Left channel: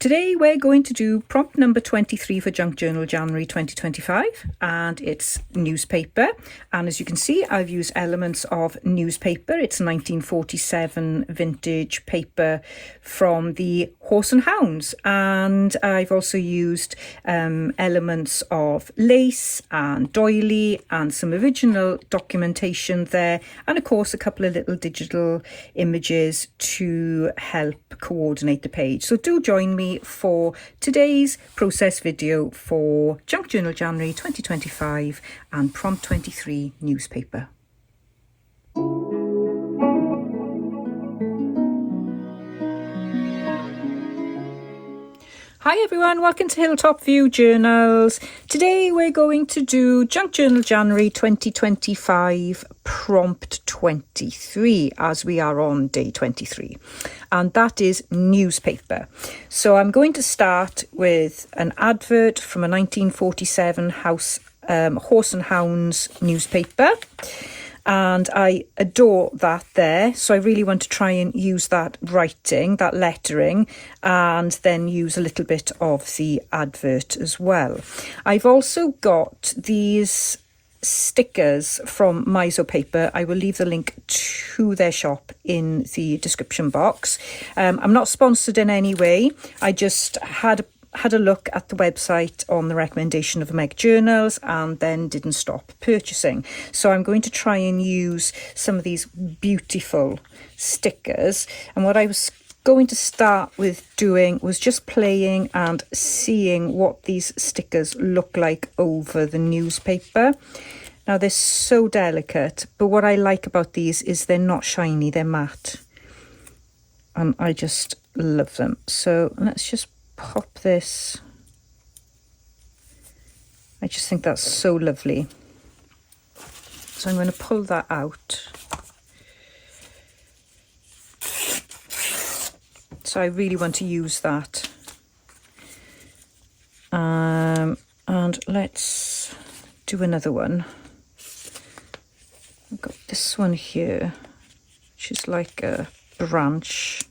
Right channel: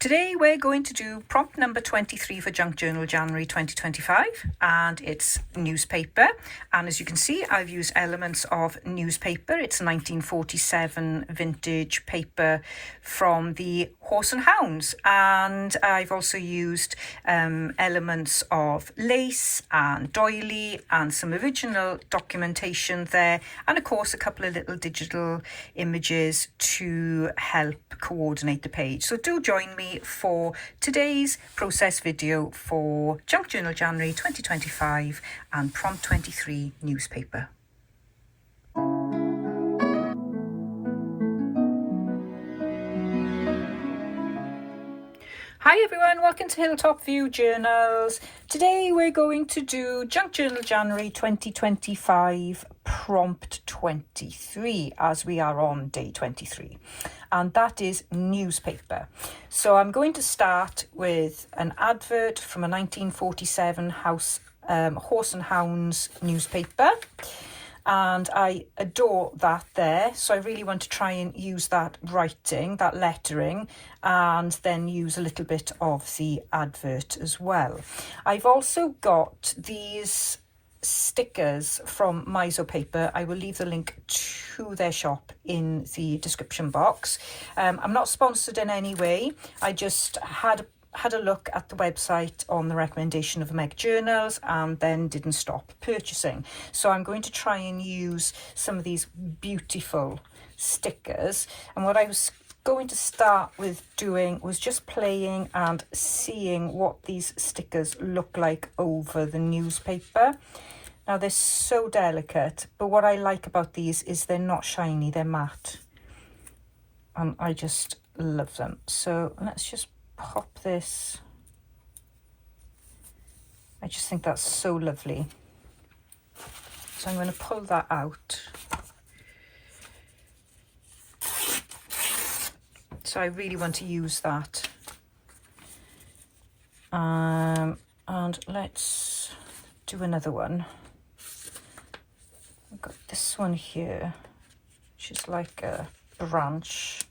Today we're going to do prompt number 23 for Junk Journal January 2025, and it's newspaper. And as you can see, I've used elements of newspaper. It's 1947 vintage paper from the Horse and Hounds, and I've also used elements of lace and doily and some original documentation there, and of course a couple of little digital images to help coordinate the page. So do join me for today's process video for Junk Journal January 2025 and prompt 23 newspaper. Hi everyone, welcome to Hilltop View Journals. Today we're going to do Junk Journal January 2025 prompt 23 as we are on day 23, and that is newspaper. So I'm going to start with an advert from a 1947 Horse and Hounds newspaper. And I adore that there, so I really want to try and use that writing, that lettering, and then use a little bit of the advert as well. I've also got these stickers from Miso Paper. I will leave the link to their shop in the description box. I'm not sponsored in any way. I just had a look at the website on the recommendation of Meg Journals and then didn't stop purchasing. So I'm going to try and use some of these beautiful stickers. And what I was going to start with doing was just playing and seeing what these stickers look like over the newspaper. Now they're so delicate, but what I like about these is they're not shiny, they're matte. And I just love them. So let's just pop this. I just think that's so lovely. So I'm going to pull that out. So I really want to use that. And let's do another one. I've got this one here, which is like a branch.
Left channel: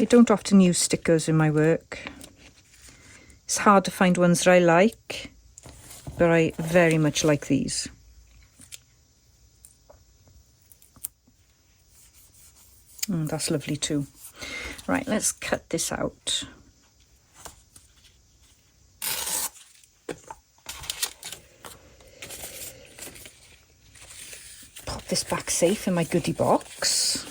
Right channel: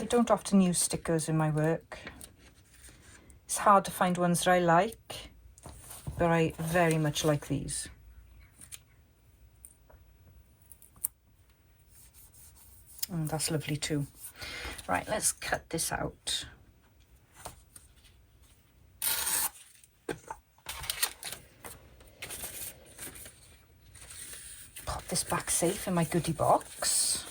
I don't often use stickers in my work. It's hard to find ones that I like, but I very much like these. That's lovely too. Right, let's cut this out. Pop this back safe in my goodie box.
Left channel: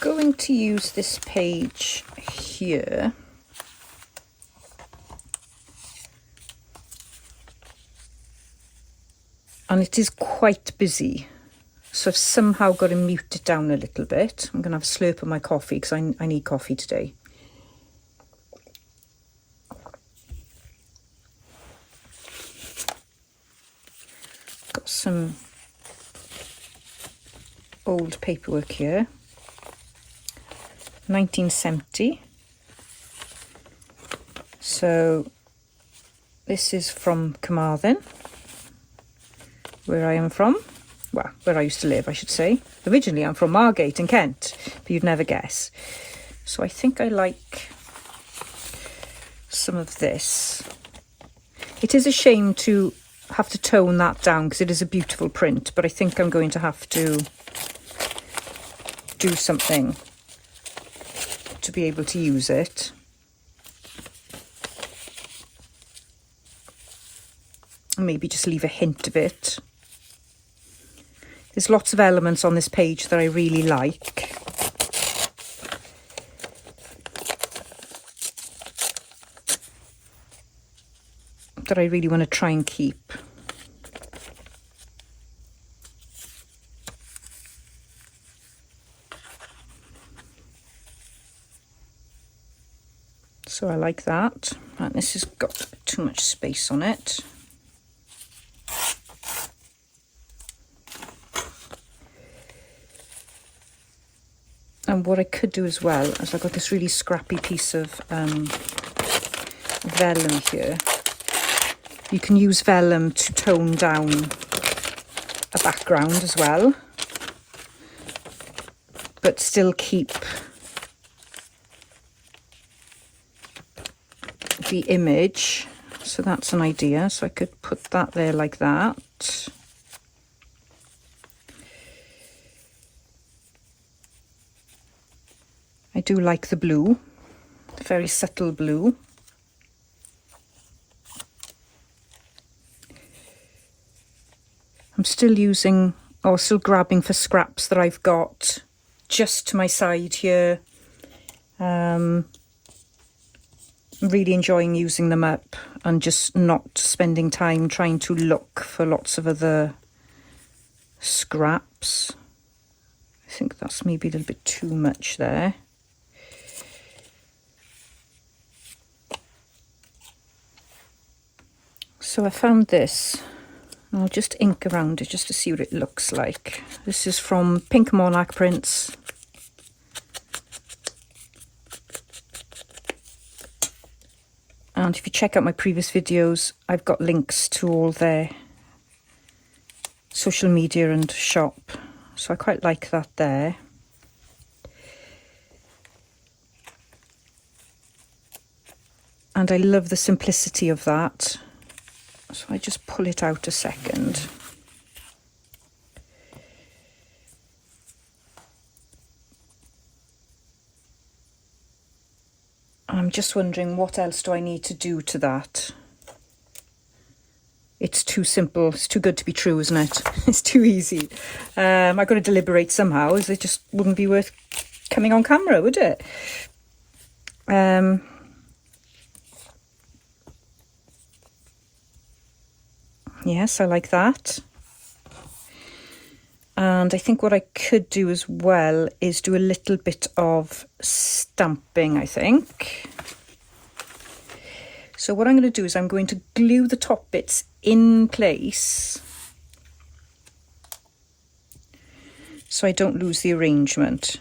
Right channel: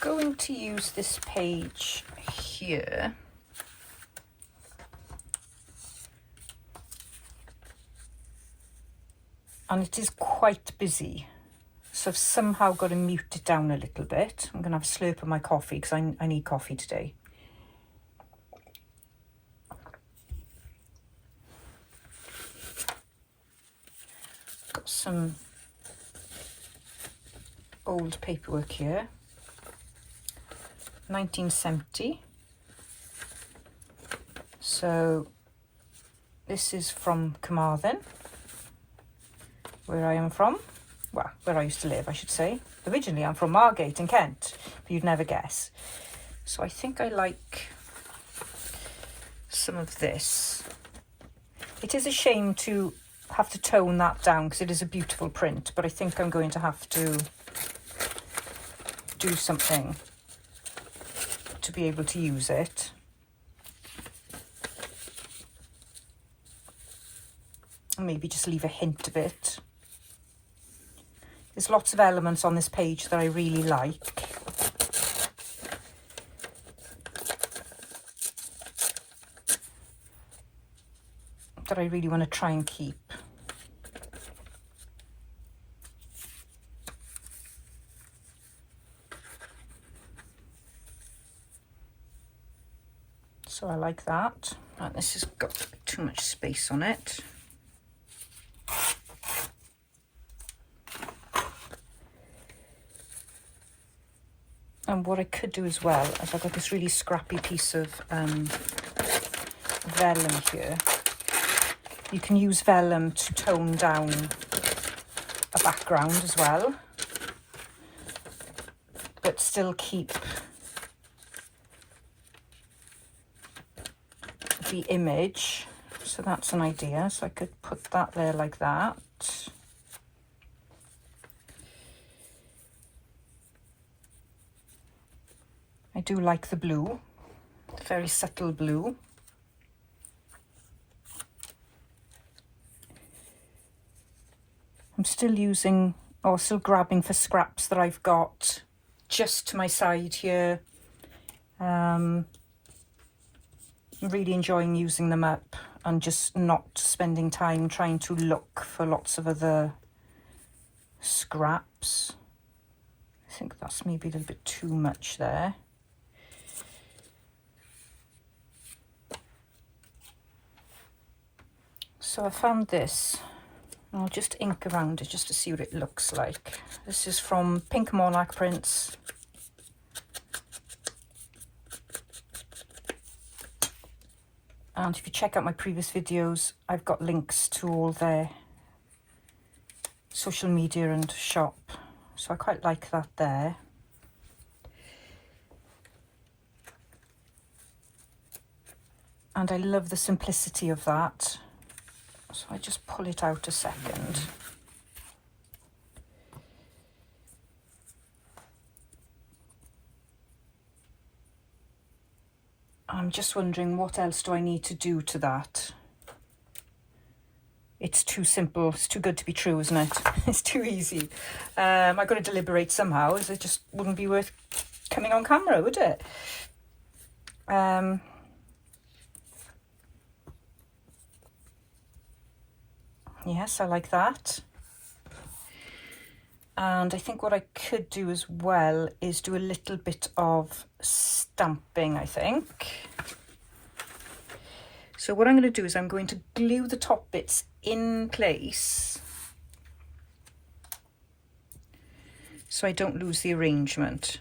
Going to use this page here. And it is quite busy, so I've somehow got to mute it down a little bit. I'm going to have a slurp of my coffee because I need coffee today. Got some old paperwork here. 1970. So this is from Carmarthen, where I am from. Well, where I used to live, I should say. Originally I'm from Margate in Kent, but you'd never guess. So I think I like some of this. It is a shame to have to tone that down because it is a beautiful print, but I think I'm going to have to do something to be able to use it. Maybe just leave a hint of it. There's lots of elements on this page that I really like. That I really want to try and keep. So I like that. And this has got too much space on it. And what I could do as well is I've got this really scrappy piece of vellum here. You can use vellum to tone down a background as well, but still keep the image. So that's an idea. So I could put that there like that. I do like the blue, the very subtle blue. I'm still using, or still grabbing for scraps that I've got just to my side here. I'm really enjoying using them up and just not spending time trying to look for lots of other scraps. I think that's maybe a little bit too much there. So I found this. I'll just ink around it just to see what it looks like. This is from Pink Monarch Prints. And if you check out my previous videos, I've got links to all their social media and shop. So I quite like that there. And I love the simplicity of that. So I just pull it out a second. I'm just wondering what else do I need to do to that. It's too simple, it's too good to be true, isn't it? It's too easy. I've got to deliberate somehow, as it just wouldn't be worth coming on camera, would it? Yes, I like that. And I think what I could do as well is do a little bit of stamping, I think. So what I'm going to do is I'm going to glue the top bits in place so I don't lose the arrangement.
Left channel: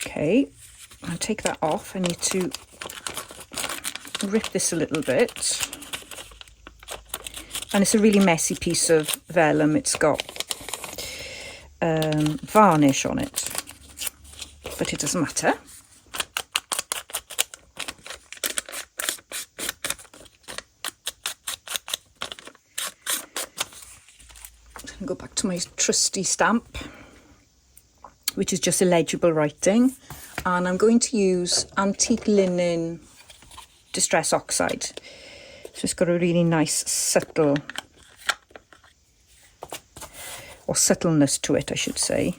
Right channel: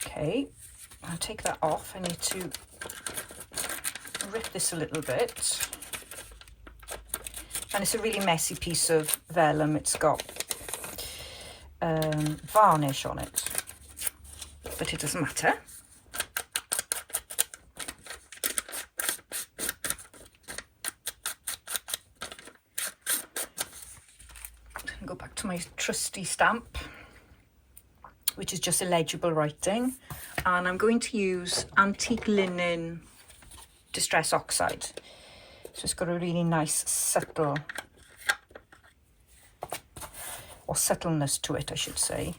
Okay, I'll take that off. I need to rip this a little bit. And it's a really messy piece of vellum. It's got varnish on it, but it doesn't matter. I can go back to my trusty stamp, which is just illegible writing, and I'm going to use antique linen distress oxide. So it's got a really nice subtle, or subtleness to it, I should say.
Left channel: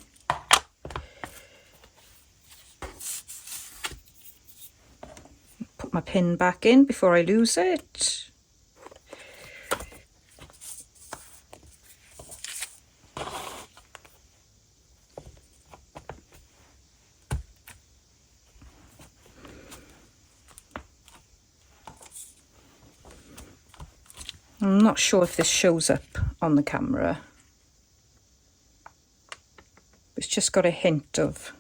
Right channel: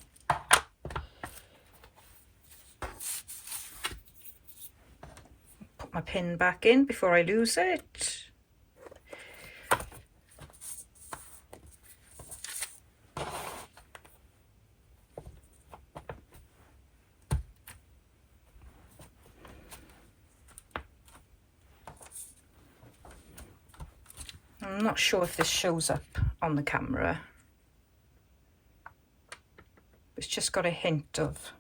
Put my pin back in before I lose it. I'm not sure if this shows up on the camera. It's just got a hint of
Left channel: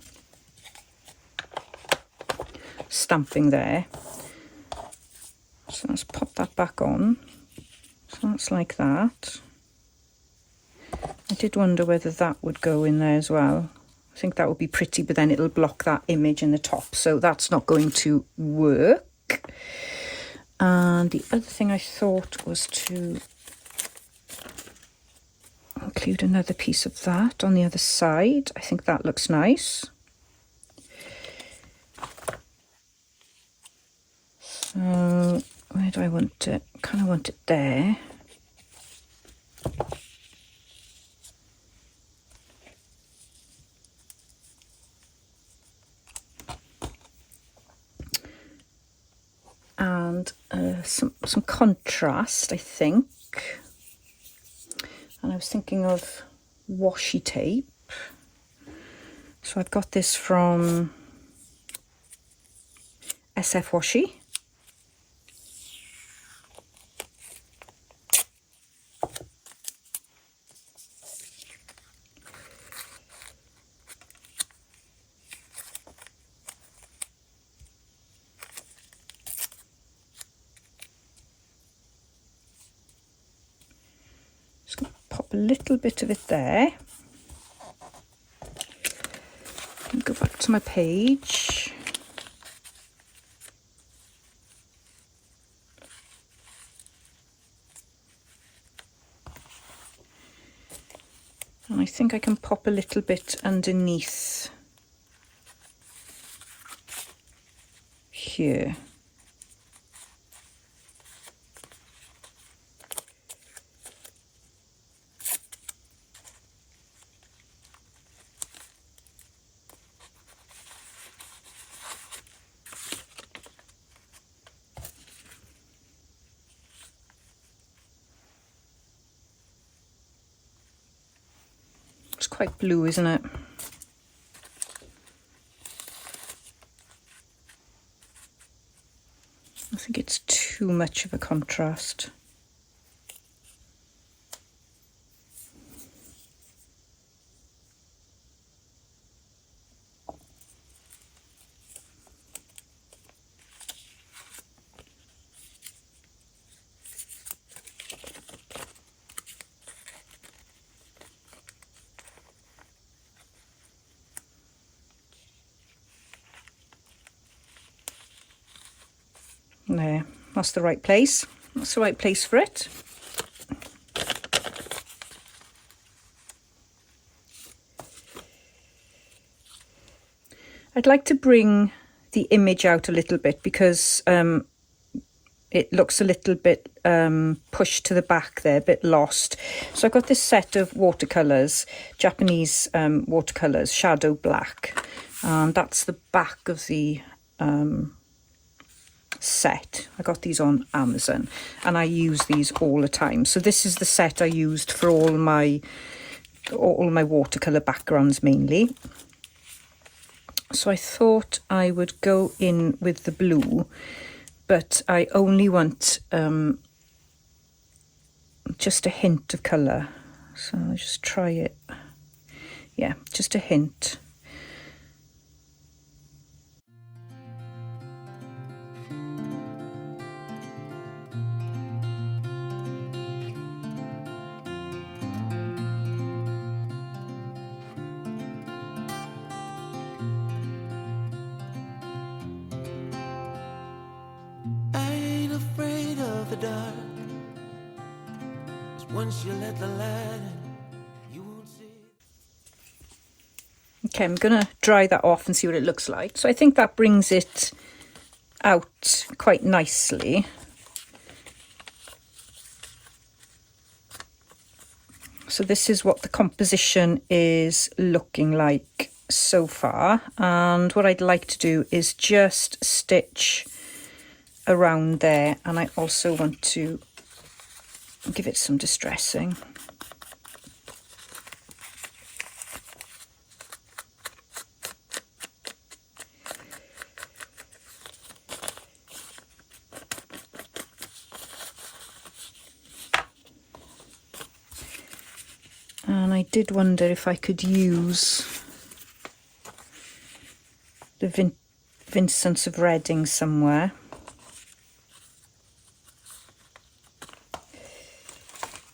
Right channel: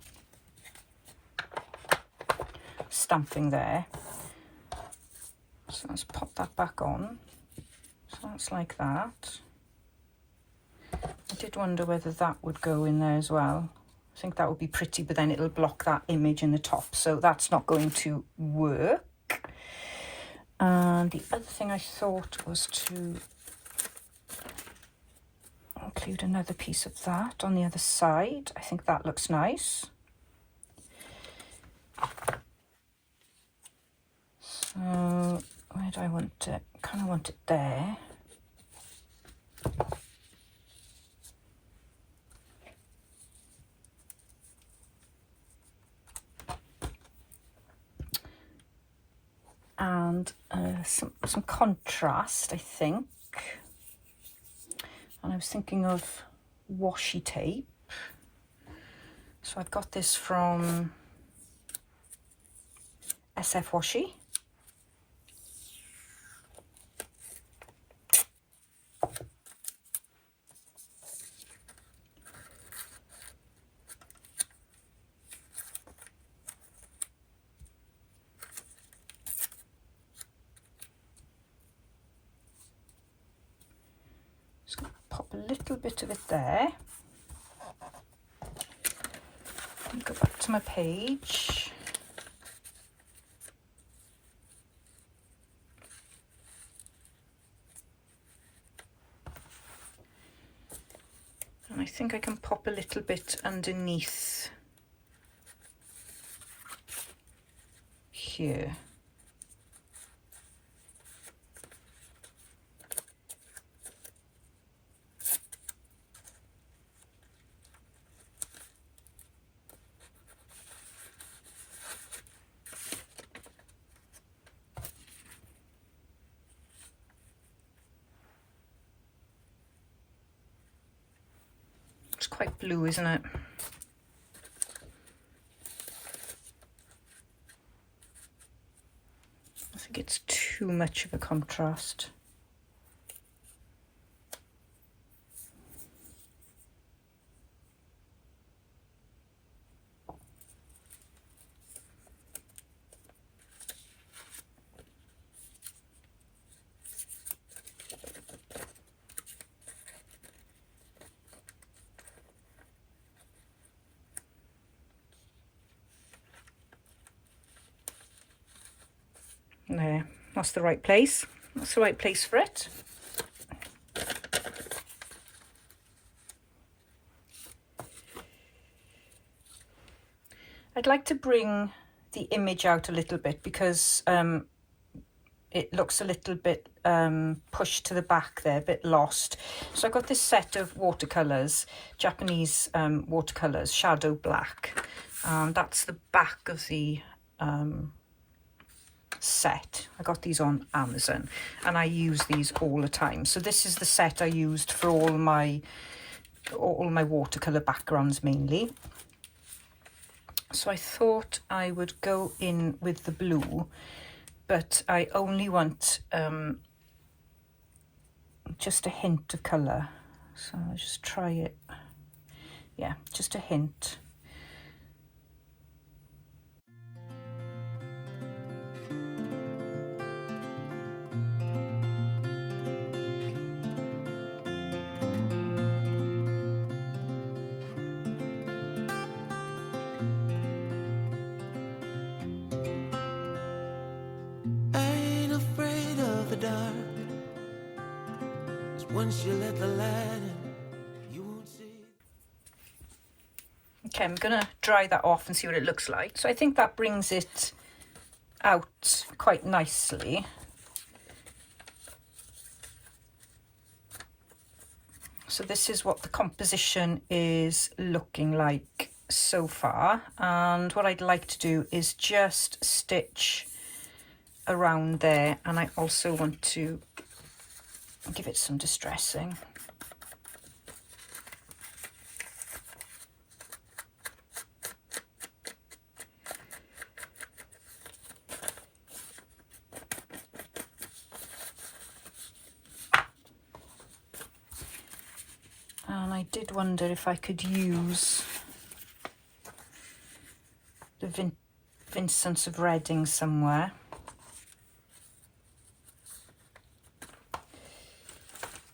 stamping there. So let's pop that back on. So that's like that. I did wonder whether that would go in there as well. I think that would be pretty, but then it'll block that image in the top. So that's not going to work. And the other thing I thought was to include another piece of that on the other side. I think that looks nice. So where do I want it? I kind of want it there. And some contrast, I think. And I was thinking of washi tape. So I've got this from SF Washi. pop a little bit of it there. And go back to my page. And I think I can pop a little bit underneath here. It's quite blue, isn't it? I think it's too much of a contrast. There, that's the right place. That's the right place for it. I'd like to bring the image out a little bit because it looks a little bit pushed to the back there, a bit lost. So I've got this set of watercolours, Japanese watercolours, Shadow Black. That's the back of the set. I got these on Amazon and I use these all the time. So this is the set I used for all my watercolour backgrounds mainly. So I thought I would go in with the blue, but I only want just a hint of colour. So I'll just try it. Yeah, just a hint. The dark, 'cause once you let the light in, you won't see. Okay, I'm gonna dry that off and see what it looks like. So I think that brings it out quite nicely. So this is what the composition is looking like so far, and what I'd like to do is just stitch around there, and I also want to give it some distressing. And I did wonder if I could use the Vincents of Reading somewhere.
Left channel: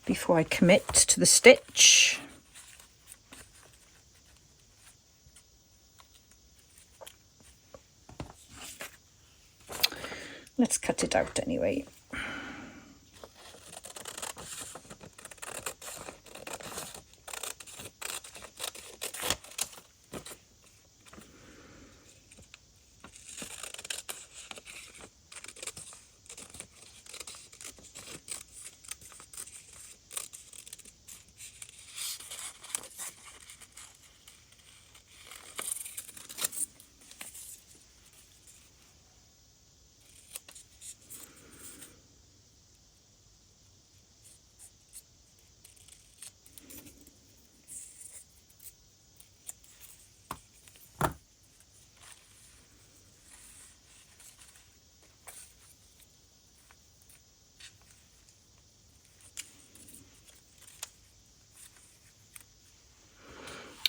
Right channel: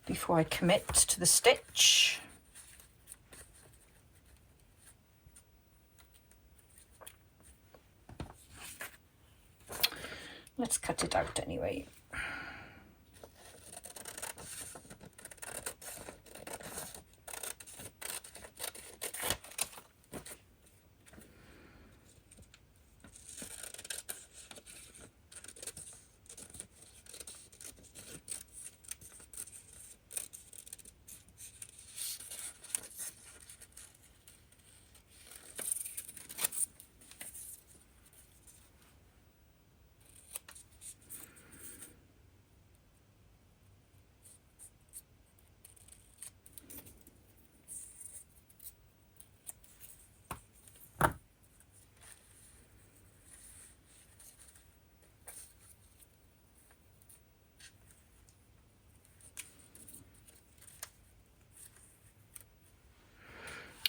Before I commit to the stitch. Let's cut it out anyway.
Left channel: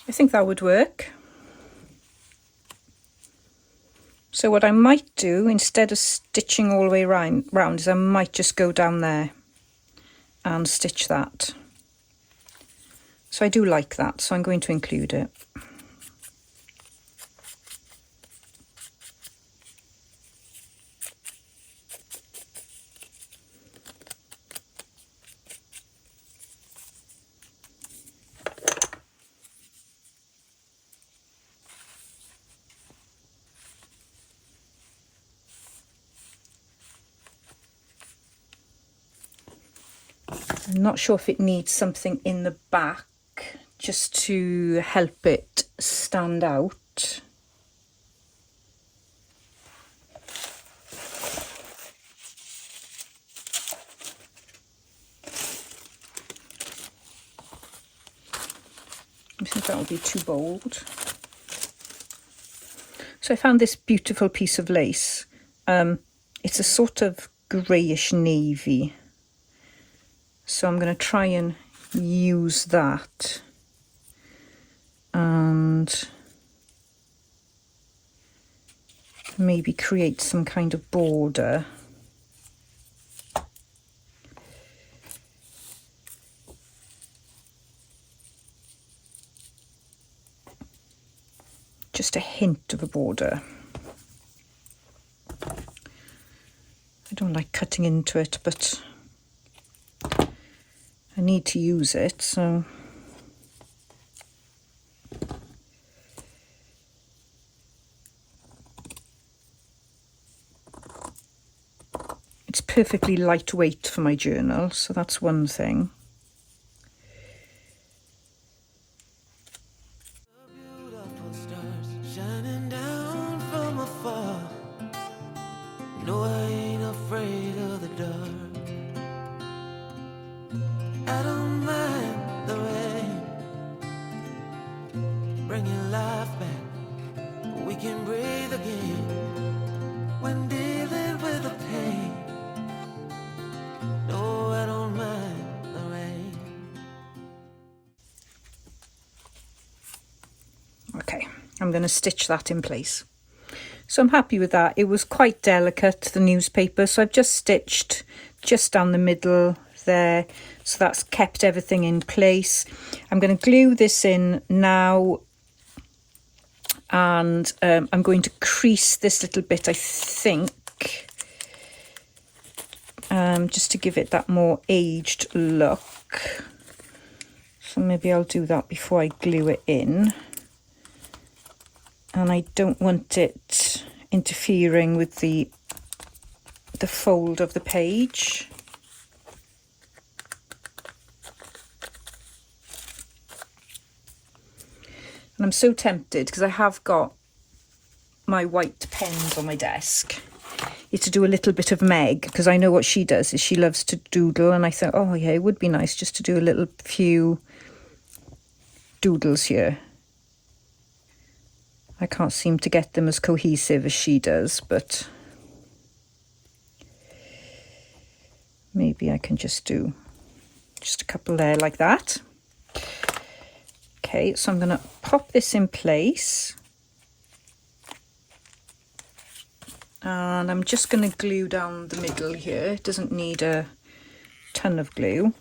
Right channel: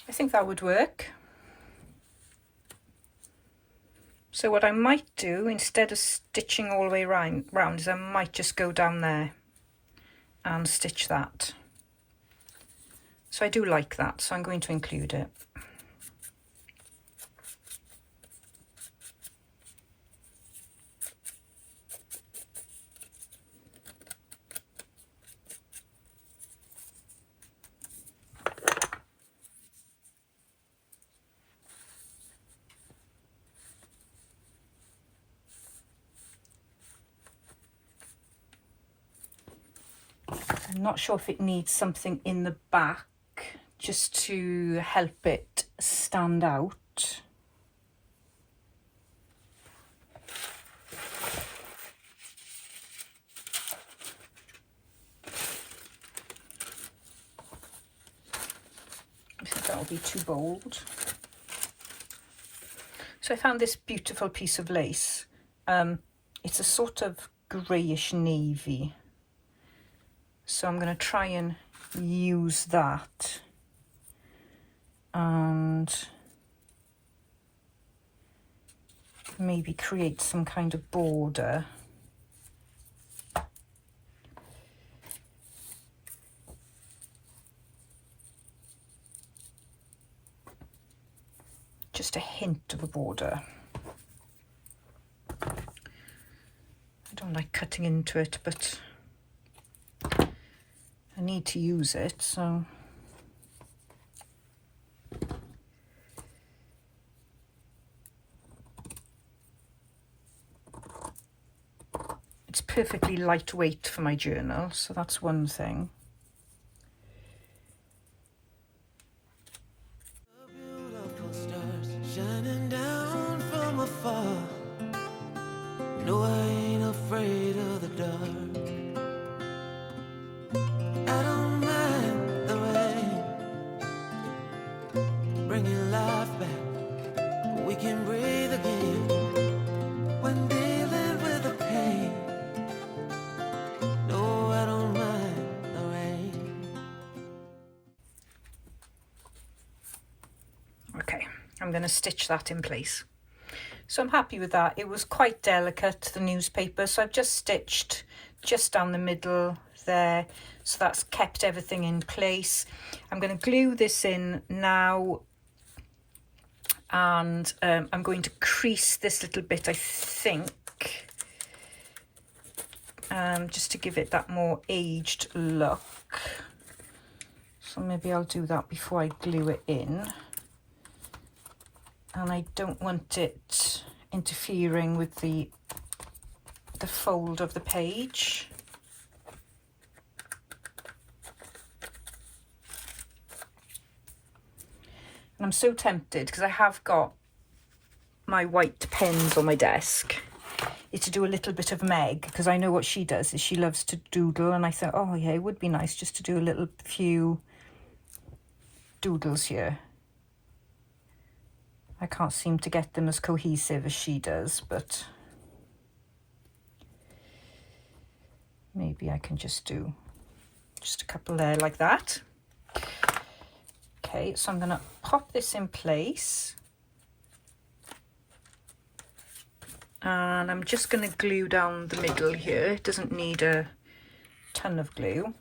I think that would work. So what I might do, instead of stitching all the way round is I might just go down there and stitch that. So I do like that, so I'm going to include it. I'm not sure if it needs something in the back just to help it stand out. I think that would be too bold. So I found this beautiful piece of lace. It's a sort of greyish navy. So I'm going to try and use that. And maybe create some kind of border. Just a hint of a border. I don't like cutting into it, but I need to use it, so it's perfectly lightweight for my journal, so that's one thing. Beautiful stars shining down from afar. No, I ain't afraid of the dark. I don't mind the rain, bringing life back. We can breathe again when dealing with the pain. No, I don't mind the rain. Okay, I'm going to stitch that in place. So I'm happy with that. It was quite delicate, the newspaper, so I've just stitched just down the middle there. So that's kept everything in place. I'm going to glue this in now, and I'm going to crease this little bit, I think, just to give it that more aged look. So maybe I'll do that before I glue it in. And I don't want it interfering with the fold of the page. And I'm so tempted, because I have got my white pens on my desk, is to do a little bit of Meg, because I know what she does is she loves to doodle, and I thought, oh yeah, it would be nice just to do a little few doodles here. I can't seem to get them as cohesive as she does, but maybe I can just do just a couple there like that. Okay, so I'm going to pop this in place. And I'm just going to glue down the middle here. It doesn't need a ton of glue.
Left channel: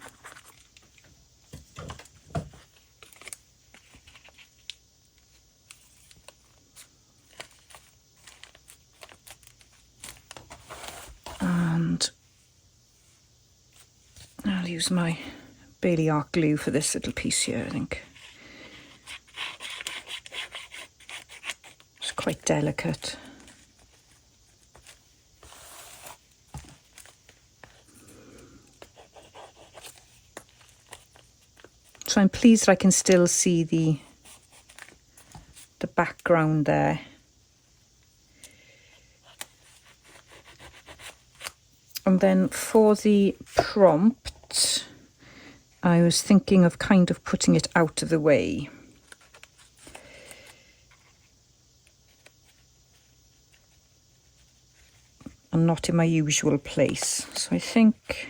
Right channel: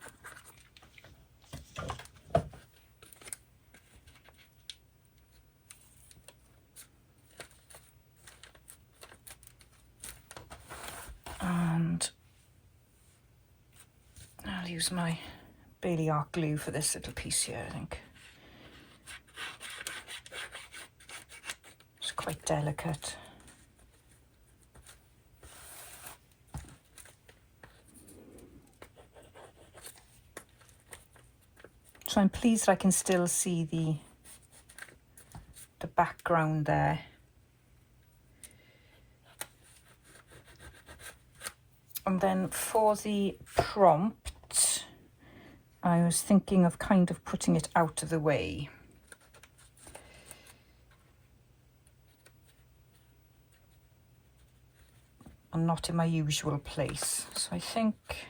And I'll use my Bailey Art glue for this little piece here, I think. It's quite delicate. So I'm pleased I can still see the background there. And then for the prompt, I was thinking of kind of putting it out of the way. And not in my usual place. So I think,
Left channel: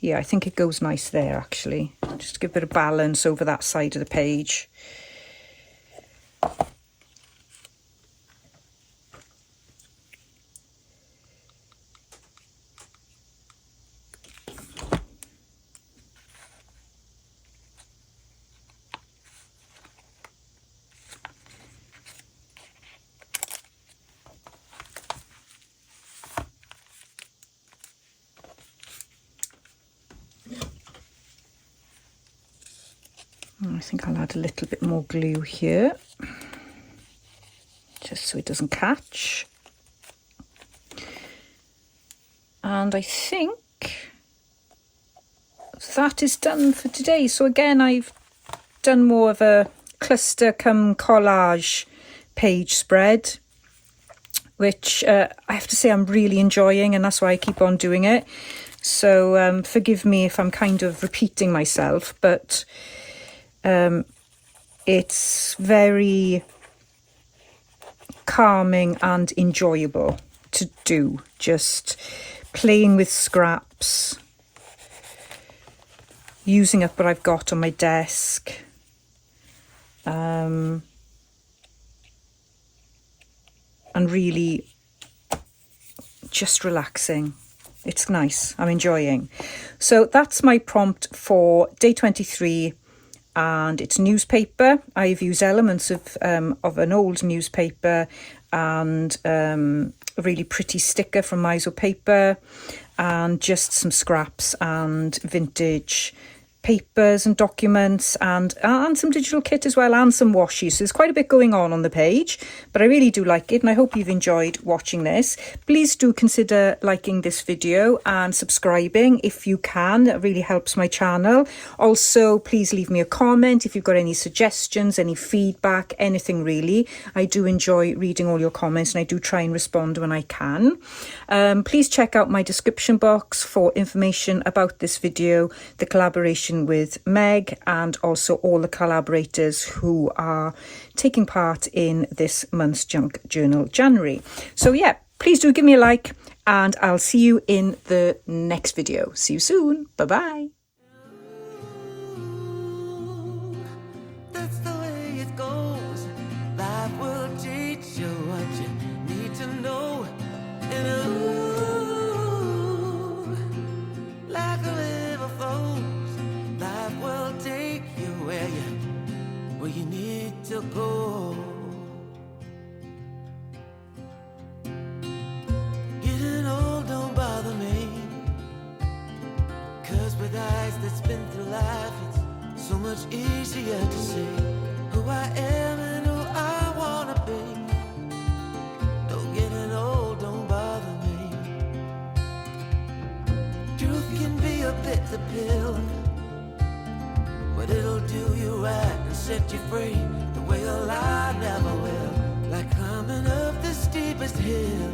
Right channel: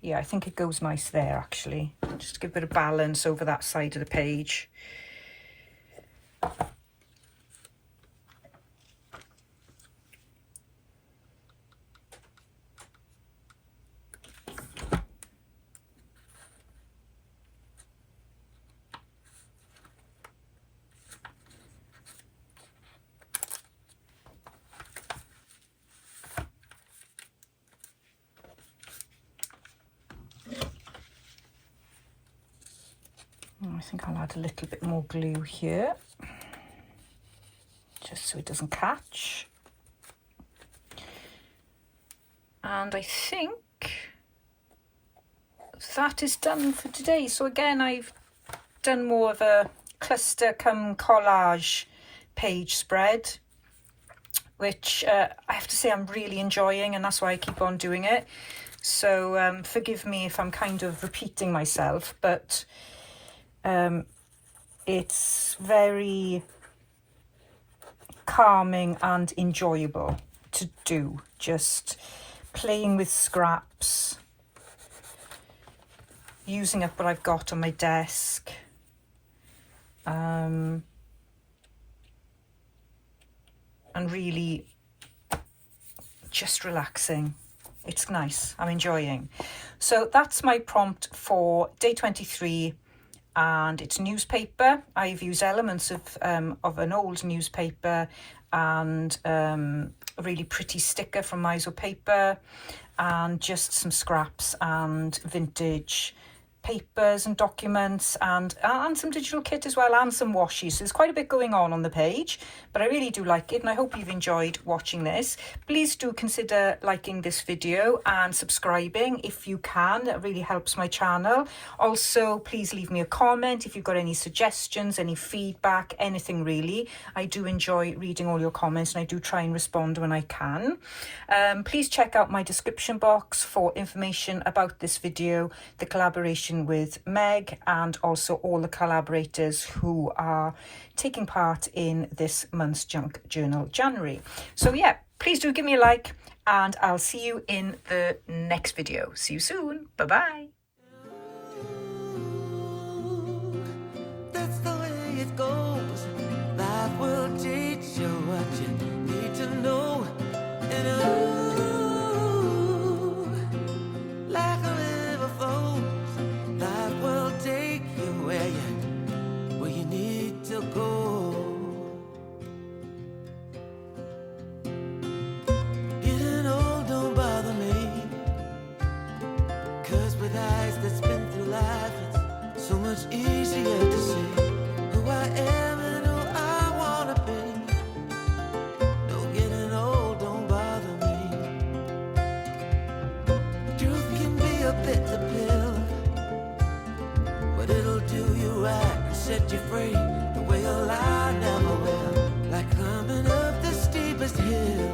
yeah, I think it goes nice there actually. Just to give a bit of balance over that side of the page. think I'll add a little bit more glue here, just so it doesn't catch. And I think that is done for today. So again, I've done more of a cluster come collage page spread, which I have to say I'm really enjoying, and that's why I keep on doing it. So forgive me if I'm kind of repeating myself, but it's very calming and enjoyable to do, just playing with scraps, using up what I've got on my desk, and really just relaxing. It's nice, I'm enjoying. So that's my prompt for day 23, and it's newspaper. I've used elements of an old newspaper and a really pretty sticker from Miso Paper, and just some scraps and vintage papers and documents, and some digital kit as well, and some washi. So there's quite a bit going on the page, but I really do like it, and I hope you've enjoyed watching this. Please do consider liking this video and subscribing if you can. That really helps my channel. Also, please leave me a comment if you've got any suggestions, any feedback, anything really. I do enjoy reading all your comments, and I do try and respond when I can. Please check out my description box for information about this video, the collaboration with Meg, and also all the collaborators who are taking part in this month's Junk Journal January. So yeah, please do give me a like, and I'll see you in the next video. See you soon. Bye bye. That's the way it goes. Life will teach you what you need to know. And like a river flows, life will take you where you need to go. Getting old don't bother me, 'cause with eyes that spin through life, it's so much easier to see who I am and who I wanna be. No, getting old don't bother me. Truth can be a bitter pill, but it'll do you right and set you free the way a lie never will. Like climbing up the steepest hill.